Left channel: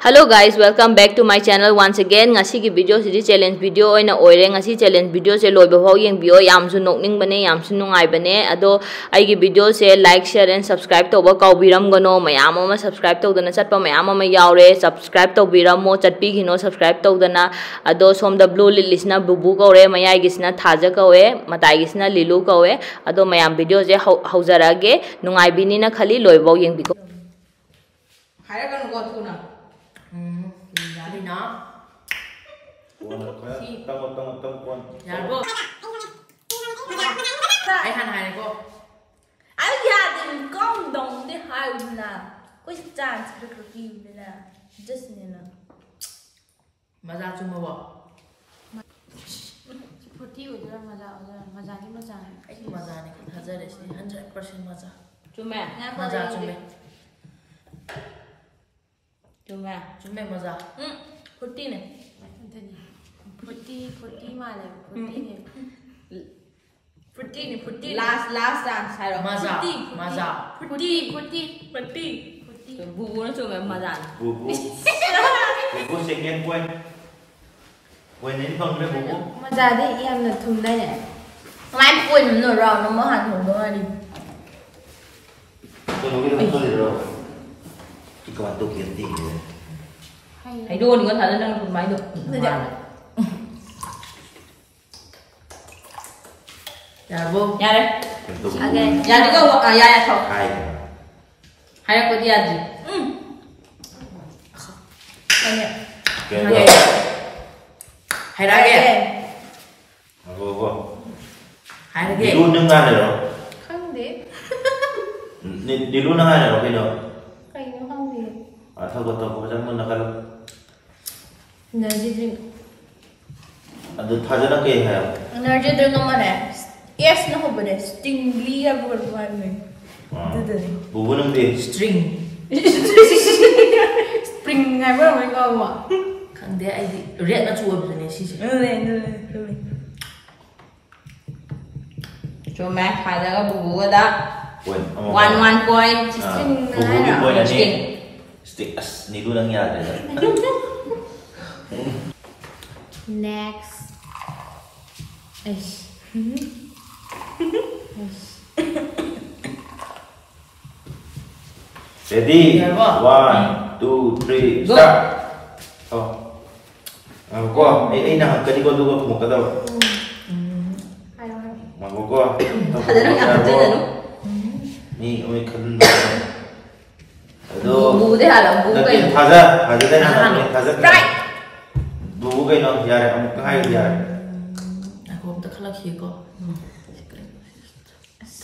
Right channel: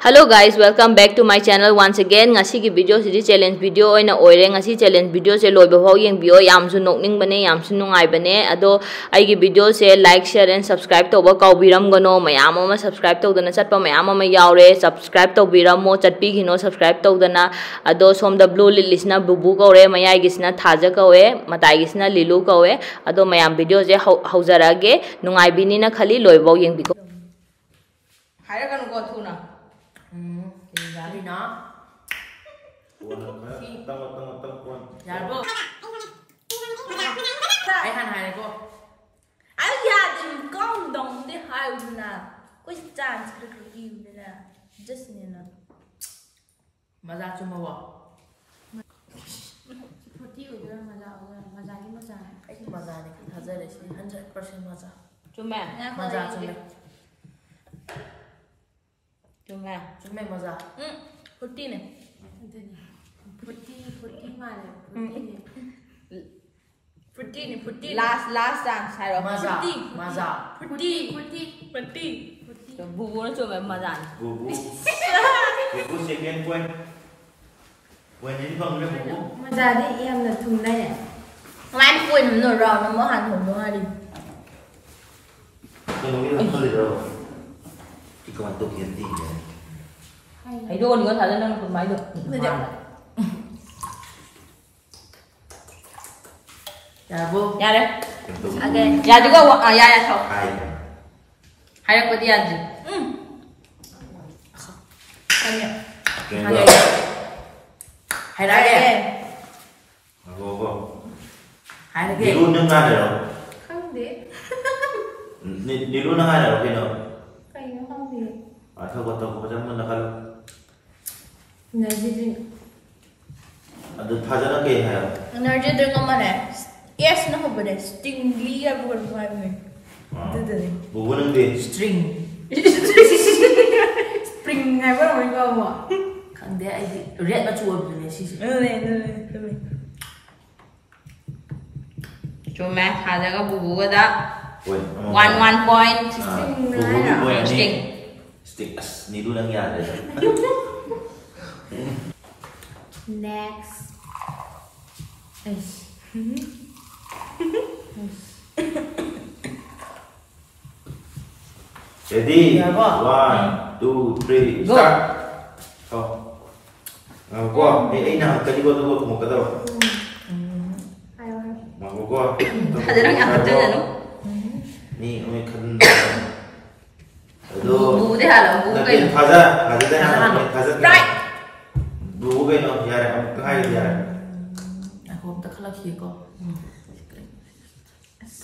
Hello guys, welcome back to my channel once again. Ngasi ki video si challenge video oina oire ngasi challenge video se loiba phau yengbio yamsu nokning bane yamsu nungai bane ado ai gi video se like share and subscribe toba kaubiram gono mayam ama subscribe todana chatpa mayam ama yaure subscribe tobiramo chatpi gino subscribe todana ado som the blue lisna bubu kaure mayai gisna thaja kawe matai gisna lilu kawe ado mayam video je haujarage nungai bini na khali loiba yengbiko haira kan go thuna Jadi nak. Yarbo. Ai han hai ko. Ai ya din công đồng đi hai na. Có chance được review nè. Just nè. Maza cuma wa. Seperti itu maza ni maza. Ai maza ni kita hajar deh sih 100% maza. Cuma Maza cuma. cuma maza. Putih nih. Putih mana? Putih nih. Last dance hai Maza. Putih. bubu nó cuma maza. Bubu second point. Point ini bang dia bubu. Maza đi em là thùng đây này. Mai quên nó rồi nó mới hành thùng đó đi. Kalau kita tu dia. Kita tu kianti dia. Hãy đua thì có thể lên được máy được. Yarbo. Nha đây. Okay. Ya juga ya thôi. Hai. Hai aku dia aja. Banyak. Okay. Hai lagi. Apa? Hai lagi. Di lu dengar dia. Không biết. Di lu dengar dia, okey dah. Cái nó không biết. Atau kata macam mana kalau Energy drink. ada thaja nak ke hai. Energy drink apa ni? Yes, no apa ni? Stingly apa buat ni? Itu ni. Bubu nanti. String. Spring hay apa orang kau buat? Kan dia ai red na chuo ni sih. Ini. Cuma ada cái bubu cái đó. One. 1 point. String Bubu ni ni lah. point String. ni. Stick as ni dulu nang ada. Next. Ready? Ya, Pak. 1, 2, 3, Go. start. Oh. Aku, nak tadi kau tu mau kata. Ayo. Aku. Ada orang yang kerja dah, no? Ni, kami kan. Bubu deh halam, bubu kayak. Thaja dah. Thaja. Right. Bubu kayak nak biar, kamu kahai biar. Aku tak kalah kia ko.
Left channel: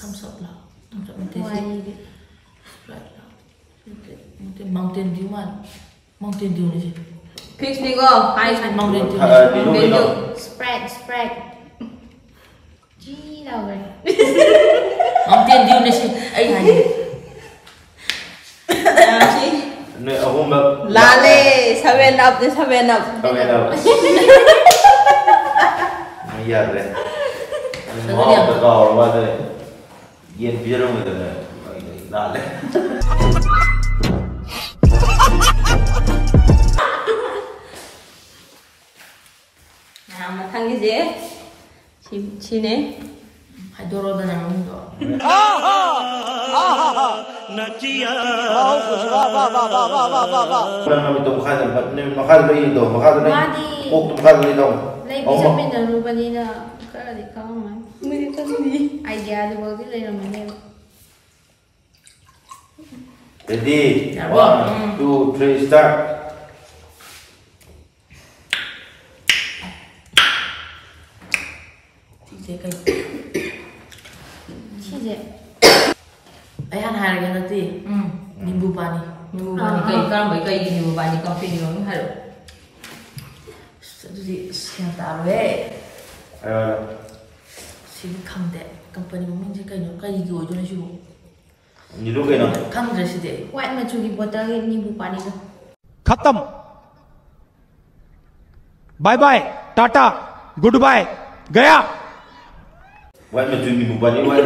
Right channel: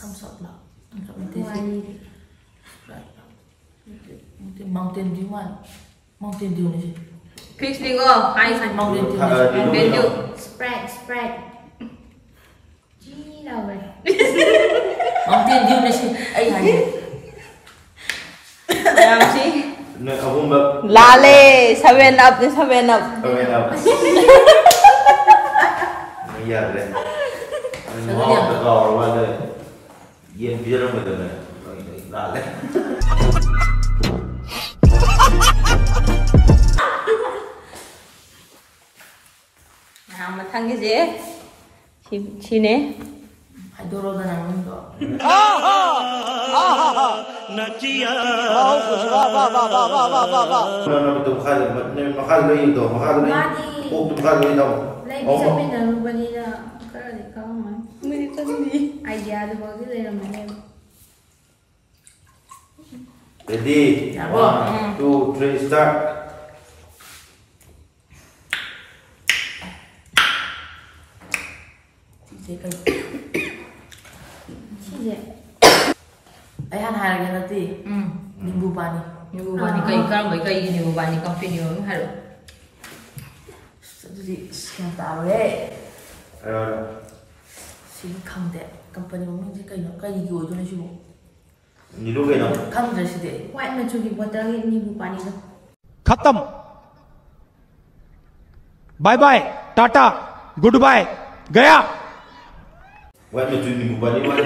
Thumbs up lah. Thumbs up nanti Why? sih. Right lah. Nanti Mountain Dew man. Mountain Dew ni sih. Fix đi cô. Hai Mountain Dew ni. Mountain Dew. Spread. Gee, đâu rồi? Mountain Dew ni sih. Ai hai. Làm gì? Ni aku mbak. Lale, 7 up deh 7 up. Kau yang apa? Biar deh. Satu dia. Kau orang ada. Yang biar orang itu nak deh. Nào mà thằng cái gì? Chi nè. Hai dorol dah nama tu. Mana betul makan lagi tu, makan lagi. Madi. Oh, makan lagi tu. Lấy bí trong bên đó luôn đi là cái là để con mà. Mới có gì? Idea được bao cái này là mình em. Ready? Ya, Bang. 1, 2, 3, start. Cik kai. Chi vậy? Ai han hai lagi nanti. Nimbu pani. Nibu bani kai kan mấy cây nibu bani coffee nibu nó hay rồi. Satu di siang taruh eh. Ayo. Sini kang deh. Company mungkin je kai no kai gigi ojo na shu. Ni dulu kan? Kang je sih deh. White mà chụp bottle cái ni bu pani đó. खत्म bye bye tata goodbye गया Buat macam ni buat ni buat.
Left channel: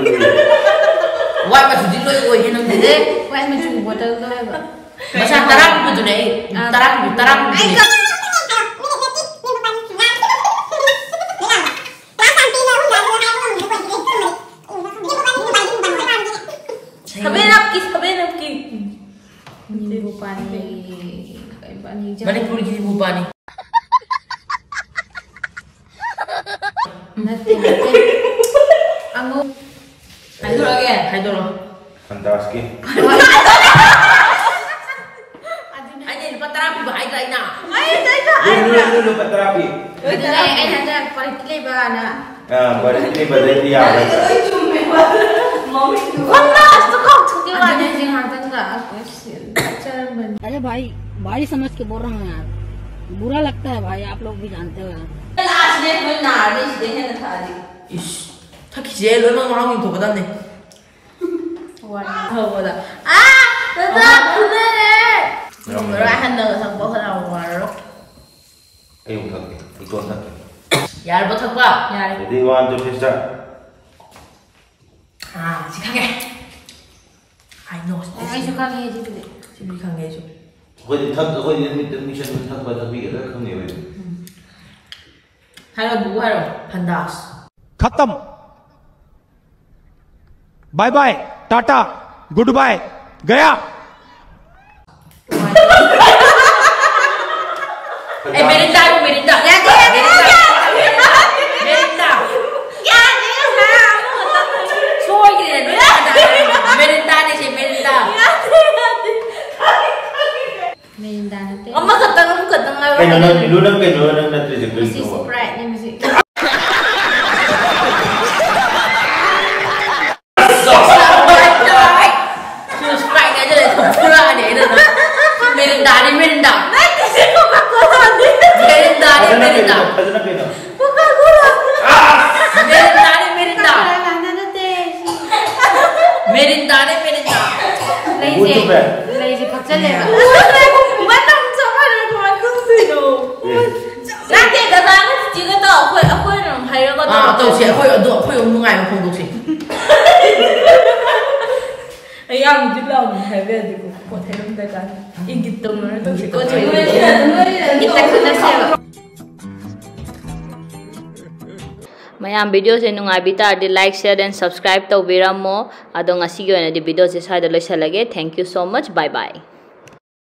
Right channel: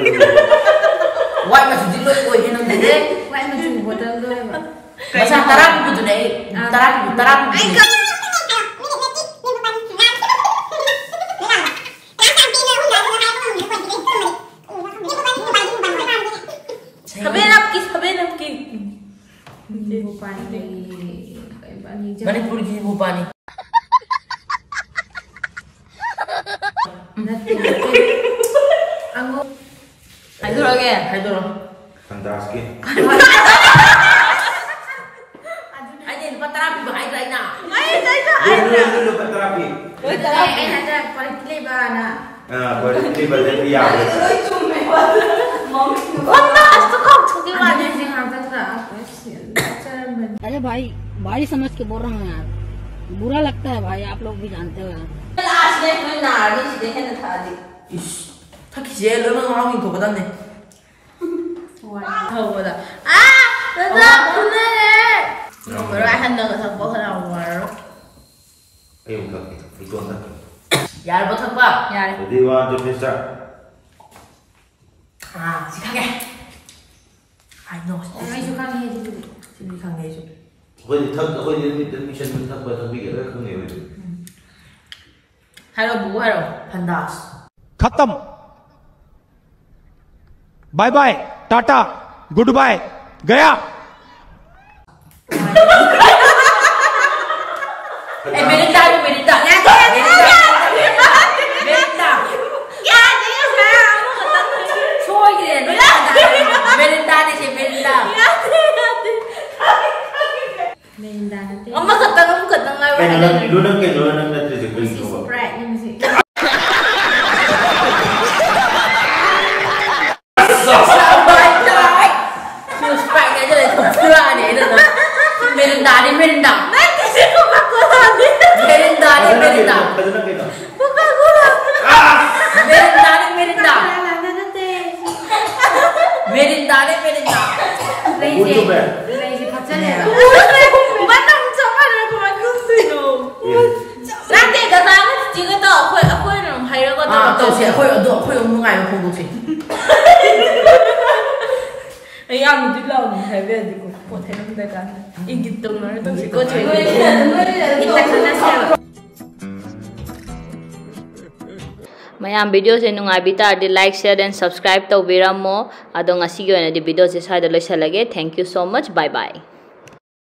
White masih di loy oi henang deh. White mà chụp bottle thôi mà. Masa tarap gitu deh. Tarap. Sabi Manipur gini bupa nih. Anu. Hai dulu. Fantastic. Aja lupa terapi bahaya lainnya. Dulu dapat terapi. Ada paling lebar na. Berarti berarti ya. Panas tuh kok tuh gimana? अरे भाई समझ के बोल रहा हूँ यार, बुरा लगता है भाई, आप लोग भी जानते हो यार। Ish, tak kije lo emang mau gitu betul nih. Thầu rồi. Tetap bener. Nomor akan dengan sang bos nomor. Ikut tak. Ya lo tak pak. Ya. Jadi one to finish up. Sikake. I know. Ai suka ni je tu. Sini kang aja. Kau ni mission tak buat tapi kau ni. Halo bu, halo. Pandas. खत्म, bye bye, tata, goodbye, गया। Merinda. Ya, merinda. Ya, dia saya mau kata. Soy gini. Merinda nih sih merinda. Merinda nanti. Amma kata ngai. Kenapa nanti juga. Mesti Sprite ni mesti. Sprite aja deh, pula deh itu. Merinda. Nanti si Coca-Cola ni. Merinda. Coca-Cola. Merinda. Lazy paksa le. Mana sama ada kau makan tu no. Nanti datang juga tahu aku yang hari aku tahu. Tahu sih, aku yang mengai aku tahu sih. Yang di dalam hebat juga. Potong dekat. Ingin tahu mana tu sih. Kau cuci. Kita kena siapa. mayam video se nungai bita di like share and subscribe to biramo adong asigi ona di video se sai da loisalage. Thank you so much. Bye bye.